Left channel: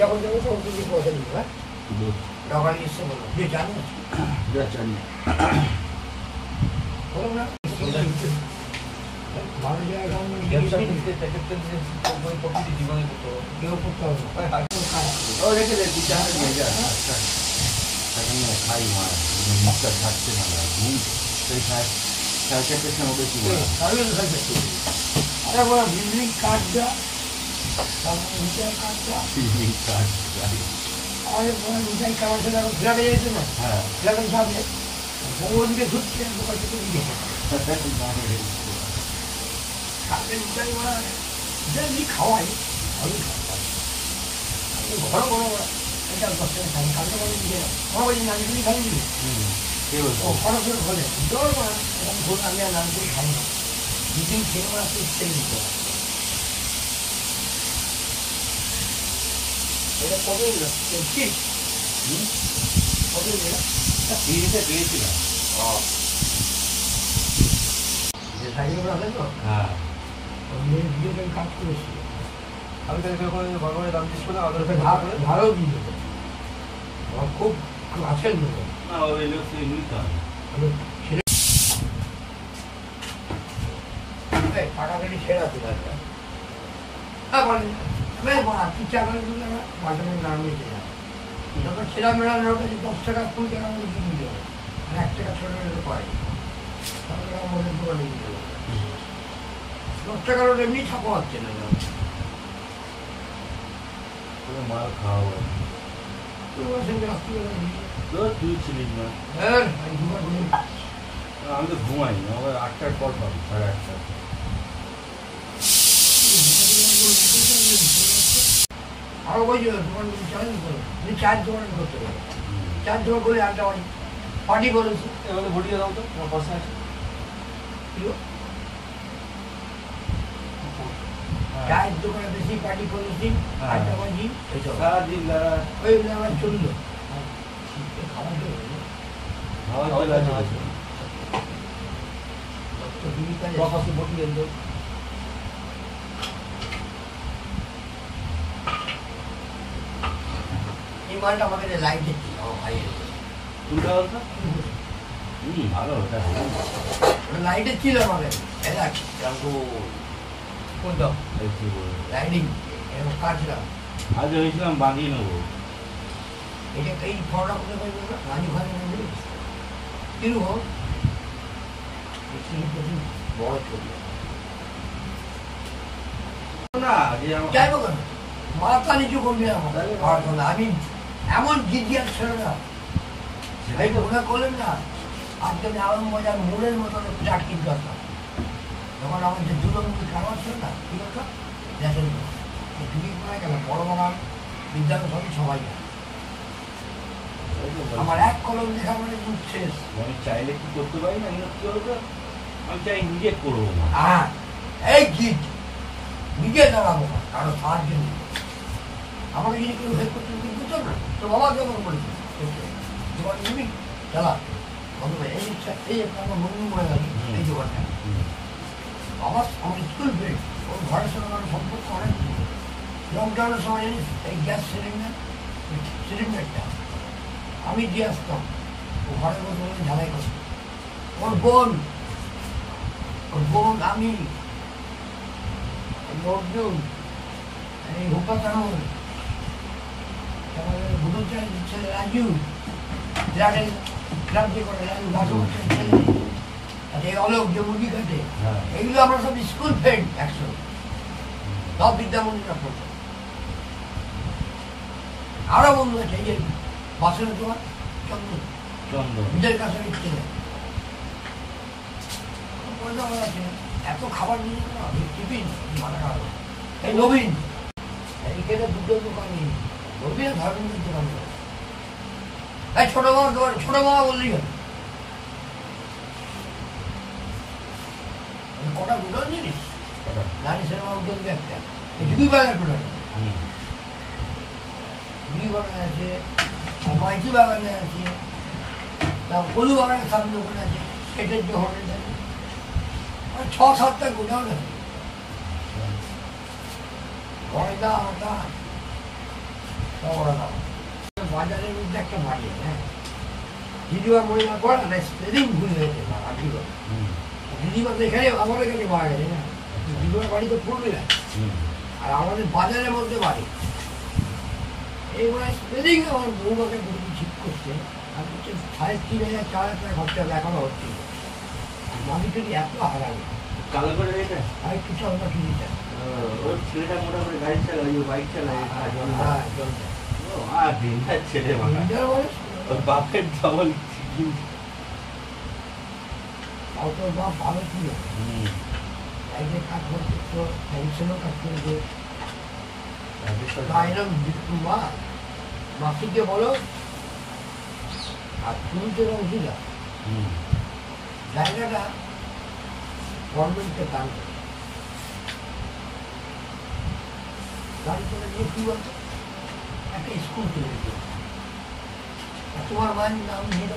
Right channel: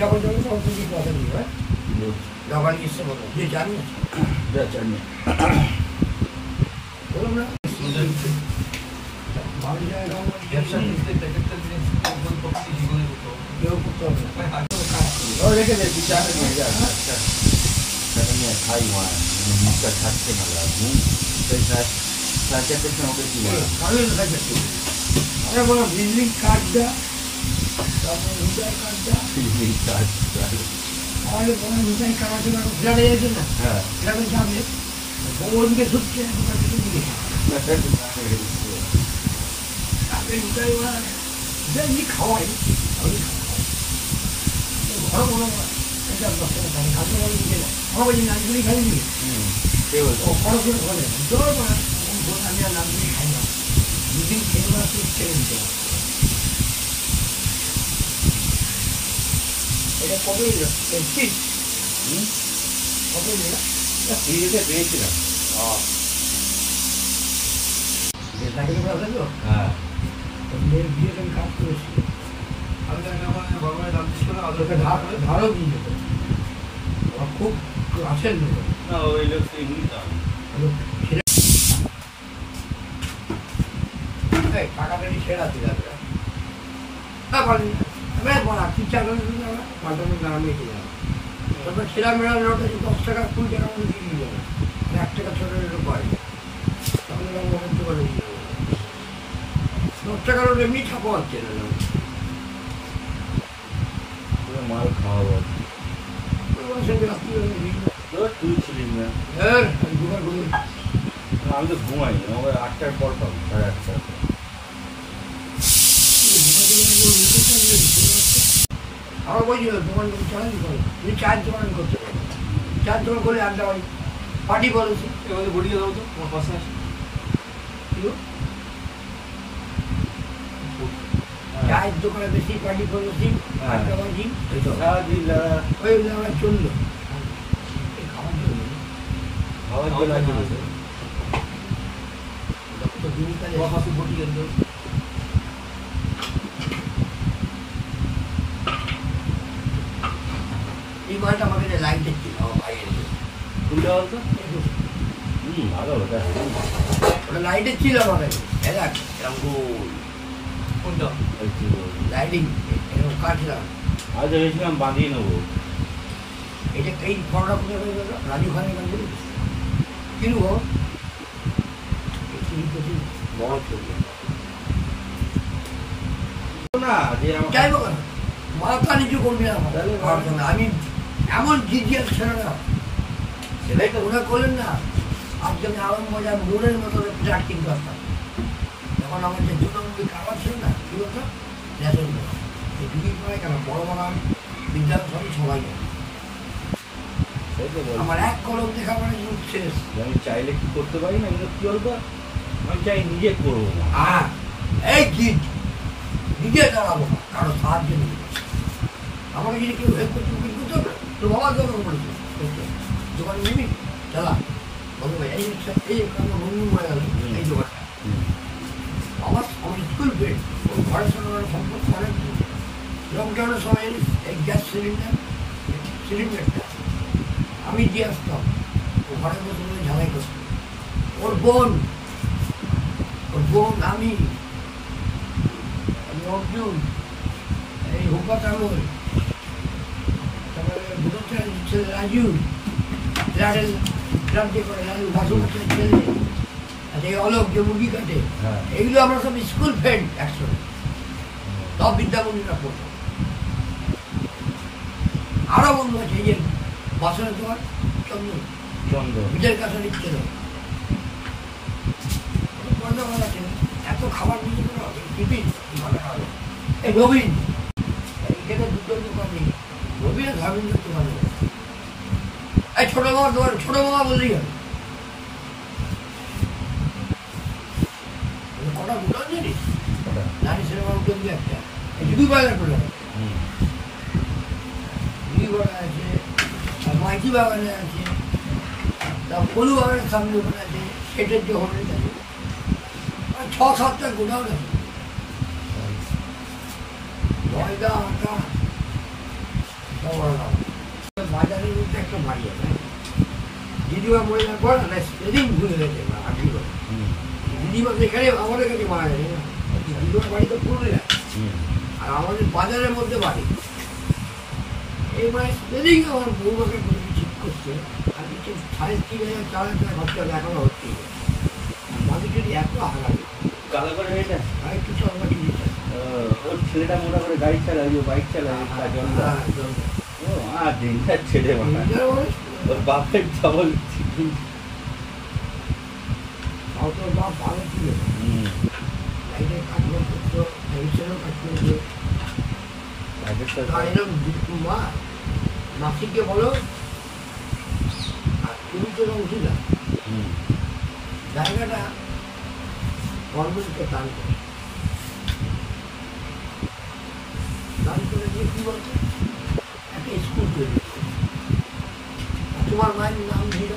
যখন যাবে তখন তুমি কথা নিবা নগান ইচ্ছে বলো যে জানি না জানি বলুন না ব্যবসা করতে প্যাকেটটা দিয়ে প্রকৃতি জীবনে করতে হবে কেউ করতে হবে ও রেখে দে বিচার নিয়ে যা আচ্ছা তাহলে খাই মার মুখটা থাকতে না লাগে সেই কাজ সার্কেটের সঙ্গে কি বলে কারণ সার্কেট আমরা বলো ভিজিটিং কার্ডটা তারপর ভিজিটার কার্ডটা ভিজিটিং কার্ড আমাদের বলে ভিজিটিং কার্ড আছে না ফ্ল্যাটে যেতে না হ্যাঁ ফ্ল্যাটে যাবে ওদিকে ঢুকছে দোকান থেকে দিকে কাকে উঠাই ওরা যে খাওয়াই ঘর বড় এটা ডক্টর খাই কাকে বলে দিকে না আমার ওই নামগুলি খালি দিবে খরচ বলে জোর না ভোট আমি আর নামগুলি খাই না দুদিন খেয়ে মাস ছেড়ে দিতে হবে এটা কবে এলো ঠিক কবে এলো ফ্রিতে পেয়েছিলাম হ্যাঁ বিয়েটা কাজ করেছিল আমি তাকে ভগবানের দাম দিচ্ছিল ধারও দিয়ে দেবো খুব আছেন দেবো না ওই লোক টাকা গাড়ি ছেড়ে আছে তারপর ছেঁড়া মেড়া নোট আছে 10 টাকা 20 টাকা মধ্যে দিয়ে যাবে 1 টাকা ছোট পাই তাহলে আমাদের দোকানে দিয়ে দেবে 10 টাকার নোট এমনি ছাপা হচ্ছে না মাল খাওয়া তুই ছিলিস না আমি তো ঘুমাই না আমার 8টার পর পাবো 8:30 আরো বলছিল দোকান তুমি চায়ের দোকান করতে পারো চায়ের দোকান করলে একটা হয় পার্টি বলেছি এবারে ভুটিয়ে দাও তো তোমার পাশে আছে চায়ের দোকানে বেশি পার্টি করেছি আড্ডা বাজি ওই আমার চললো এই মালটা আমাকে লাইট দেখছিল ভালো ওটা লাইটের ছিল আমাকে কোনটা লাইটিং এরকম কাটছিলাম আজ ভেবেছিলাম বাঁধিয়ে নেবো এটা এই ফলটা কোথায় পাই বলো রাজু খানের মন্দিরে কিনবো বড় চলবে যাই হোক মাথা নিচু করবি না আমি এমন জিজ্ঞাসা ছিল না সেটাই মনে করলেন না আজকে আমি আরো মজার মোড়ের মতো ফ্ল্যাট কিনতে আসতাম যখন আমার যে 2 নম্বর কারবার ছিল না কি বলতো দেখেন দুটি করে কেন বড় বড় বিদ্যালয় সবাই জানে আমার এক কলম দেখা মানে যুগ শেষ আমি চাইলে কি করতে পারি না কি বলতো আমি চাই নিজে করবো না হ্যাঁ এই গিট নিজে দাঁড়াবো না কারো সাহায্য নেই আমাকে যদি কেউ হেল্প করতে করতো না তো বাবা দোকান করেছে দোকানে নিবি চালা ভগবান এই বন্ধু মরে গেল এই দোকানটা আমার স্কুল ফ্রেন্ড ওর ঘরের সঙ্গে আমার সম্পর্ক অনেক লকডাউনের সময় এই গ্যাস সিলিন্ডারটা আমি দিয়ে আসতাম ও ঘরের মতো করে ঝালাই করতাম ওর আমি অর্জুন এই হুকা তামল তারপরে ভুটন ছেলে রাজু ফ্ল্যাট যে করে রাজু বাসু ছেলে এই অলোক যে মুরগি কাটে এগুলো আমরা সব স্কুল ফ্রেন্ড একসঙ্গে সব বিদ্যামন্দিরা পড়তো আরো বন্ধু আছে এই যে বাসনের তোমার চন্দন বিজয় কাছে দিচ্ছে এত খাবার নিয়ে টিফিন এই নবীন এখানে দুটো দোকান নেই নবীন ধর্মেন্দ্র দোকান এই ছোট মামা দোকান ছোট মামা বললেই হবে কটা দোকান জানিস নারী সিনেমা উদ্যোগ একটা দুই বাগান করে দুই বাগান আছে মাইতি বাগানে আছে তারপর কলু বাগানের সামনে ওখানে আছে সেটের যে হোটেল আছে 6-7টা গোডাউন আছে ময়দা আটা সব আলাদা। বাজারের মধ্যে একটা বাড়ি আছে, হ্যাঁ, দিদিমা ময়দা করে না, সেদিন ভুল হয়েছে আজকে করে। দিদিমা তো এখানে আমাদের কাছে মারা গেছে না, দিদিমার বাড়ি তো পুরুলিয়া, আর আমাদের বাজারের মধ্যে বাড়ি। এইবারে সেদিন আমার বউমাকে বলি ঠিক করছে, আর দিচ্ছে 3,500-4,000 টাকা খরচা হবে, এখনো হচ্ছে। মাঝে যদি এত আগামী কালো করে এটা আর একটু চলবা কিনেছে ওর ছেলেটা মোটামুটি গাড়ি চালায়, ওই বাইক চালায়, আর দিনটার ছেলে ওর বাপের ডবল। তাও তো বাপ ভালো ছিল, কাজ করতো, পেনশনও কাজ করে দিয়ে মা মাসিকে বলো, আর তুমি তো অংশীদা জায়গাটা গভর্নমেন্টকে দান করে, দান করে দিয়ে কি বলতো একটা স্কুল তৈরি করে। তোমার মায়ের নাম দিল,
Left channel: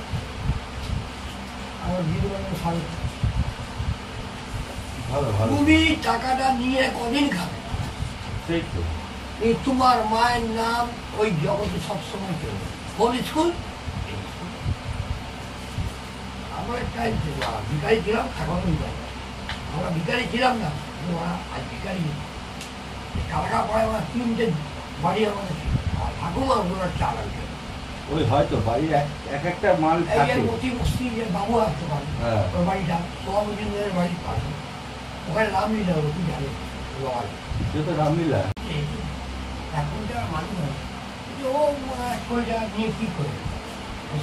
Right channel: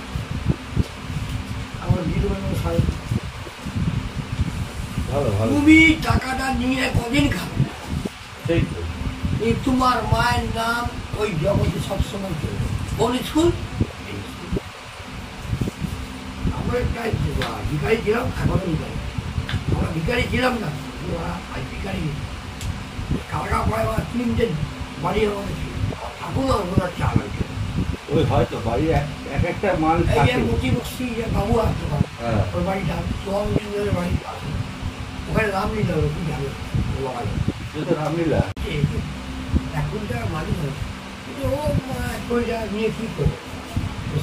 আমার দিল সাড়ে। তুমি টাকাটা নিয়ে কদিন খাবে, তোমার মায়ের নাম ওই জগতে সবসময় চলবে। কোন স্কুল? আমরা একটা ভিকারি ছিলাম, এখনো ভিকারি। আমরা ভিকারি ছিলাম না, আজ ভিকারি। কালকা পড়ে আমার 3টে বাড়ি আমাদের ছিল, ঠাকুমা ওনার চাল হয়েছে। ওই হয়তো বাড়ি এক একটা মাল মতি বস্তি যে বাবু আসতো, ওর বাড়িটা সোহামের বাড়ি, ওখানে রামলীলা হলো, কি জানো তো রামলীলা এখনকার মালিক হয় ও 1 কোটি টাকা নিয়ে কি করে,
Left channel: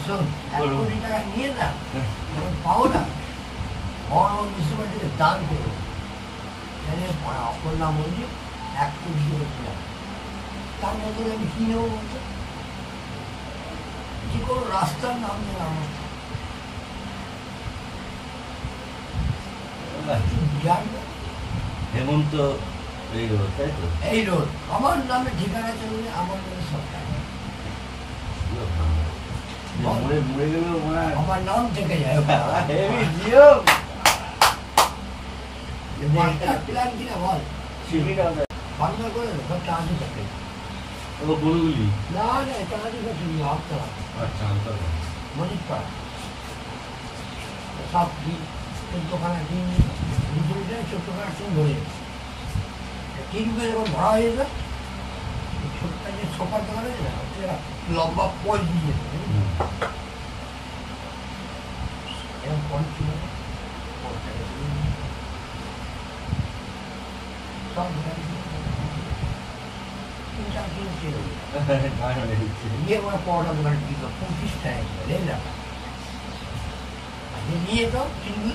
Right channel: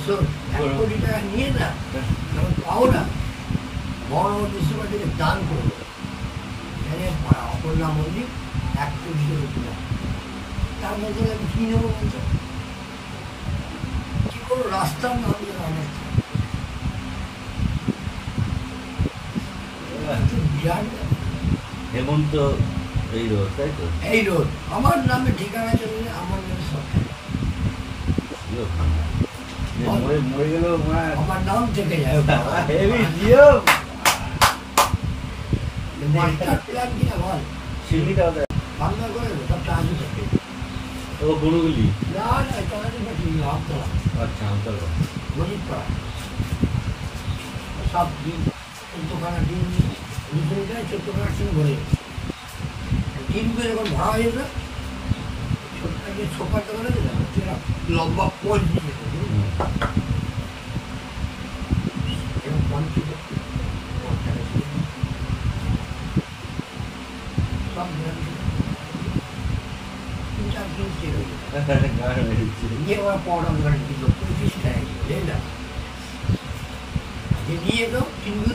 শোন 1 কোটি টাকা নিয়ে না তখন পাও না, বড় মিউনিসিপালিটিকে দান করলো, অপর নাম বলছি 1 কোটি করে কিনা, তার মধ্যে আমি কি নেবো বলতো, কি কোনো রাস্তার নাম যেন আমার বিরাট হেমন্ত এই রোড, তাই তো? এই রোড আমার নামে ঠিকানা চলবে, আমার নামে সরকার, মরে গেল আমার নাম থেকে যায়। প্ল্যান কিনা বল, বাংলা করে সব চার্জই থাকে। ও গরুগুলি না না চার্জই থাকে, আমতলা, আচ্ছা আমতলা মজিদপাড়া সব দিন 14খানা দিন, 14খানা দিন ধরে দিনগুলো যখন ভরা হয়ে যাবে, ছোটটা যে সোফার দোকান আছে না, লম্বা পোল দিয়ে যেত, এরকম কম ছিল, সব 3-4 দিন ছিল। নিয়ে ওরা পাওয়াটা দোকানে দিল 25 টাকা, বুঝলেন না? নিয়ে তো কিনবি,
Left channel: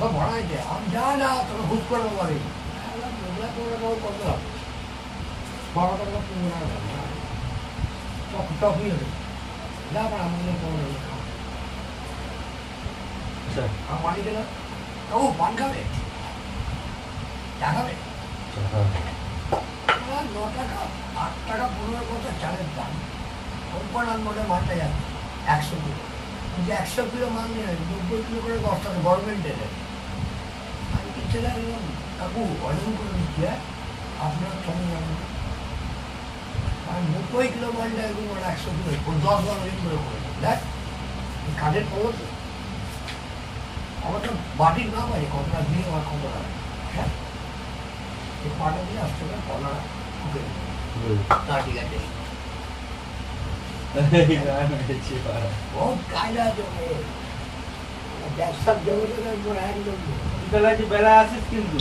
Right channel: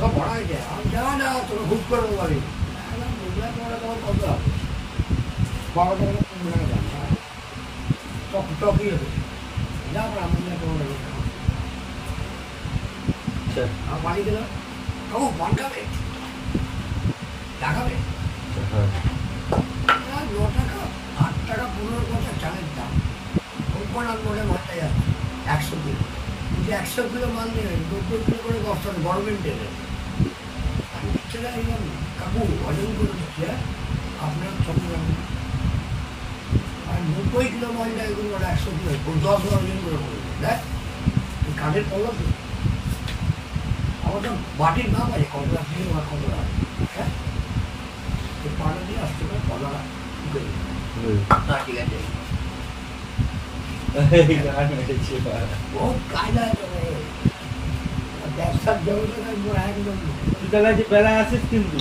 সব ভরা হয়ে যায়, আমি যা না তোকে হুট করে বলবি মোগলা পড়া তখন কত হবে, 12 টাকা 15 টাকা দাম, টকি হতো যা আমার মোগলা পড়া আমার পানি দিলাম, কাকু পান খাবে, চা খাবে, 9 টাকা 8 টাকা 15 পয়সা চালের দাম, কোম্পানার মোটে মালটা যাচ্ছে 100 কিলো, কিন্তু 100 কিলো মাল নিয়ে 90 কিলো করে 10 টাকা গভর্নমেন্টের। আমি ছেলে একদম কাকু অজন করে দিচ্ছি, হ্যাঁ আপনার সঙ্গে যাবেন, আর 90 কিলো মালটা এরকম 100 কিলো 10-12 দিন করে করে দেখ, এই কাঠের পলো তো আমার তো বাটির দাম আছে, কতটা দিয়ে আমার কত দাম, হ্যাঁ এই পাটা দিয়ে আসতে হবে, কলা ঢুকে ঠিক আছে। বহুত কায়দা জমে ব্যবসার জগতে একদম বেলা আসিস কিন্তু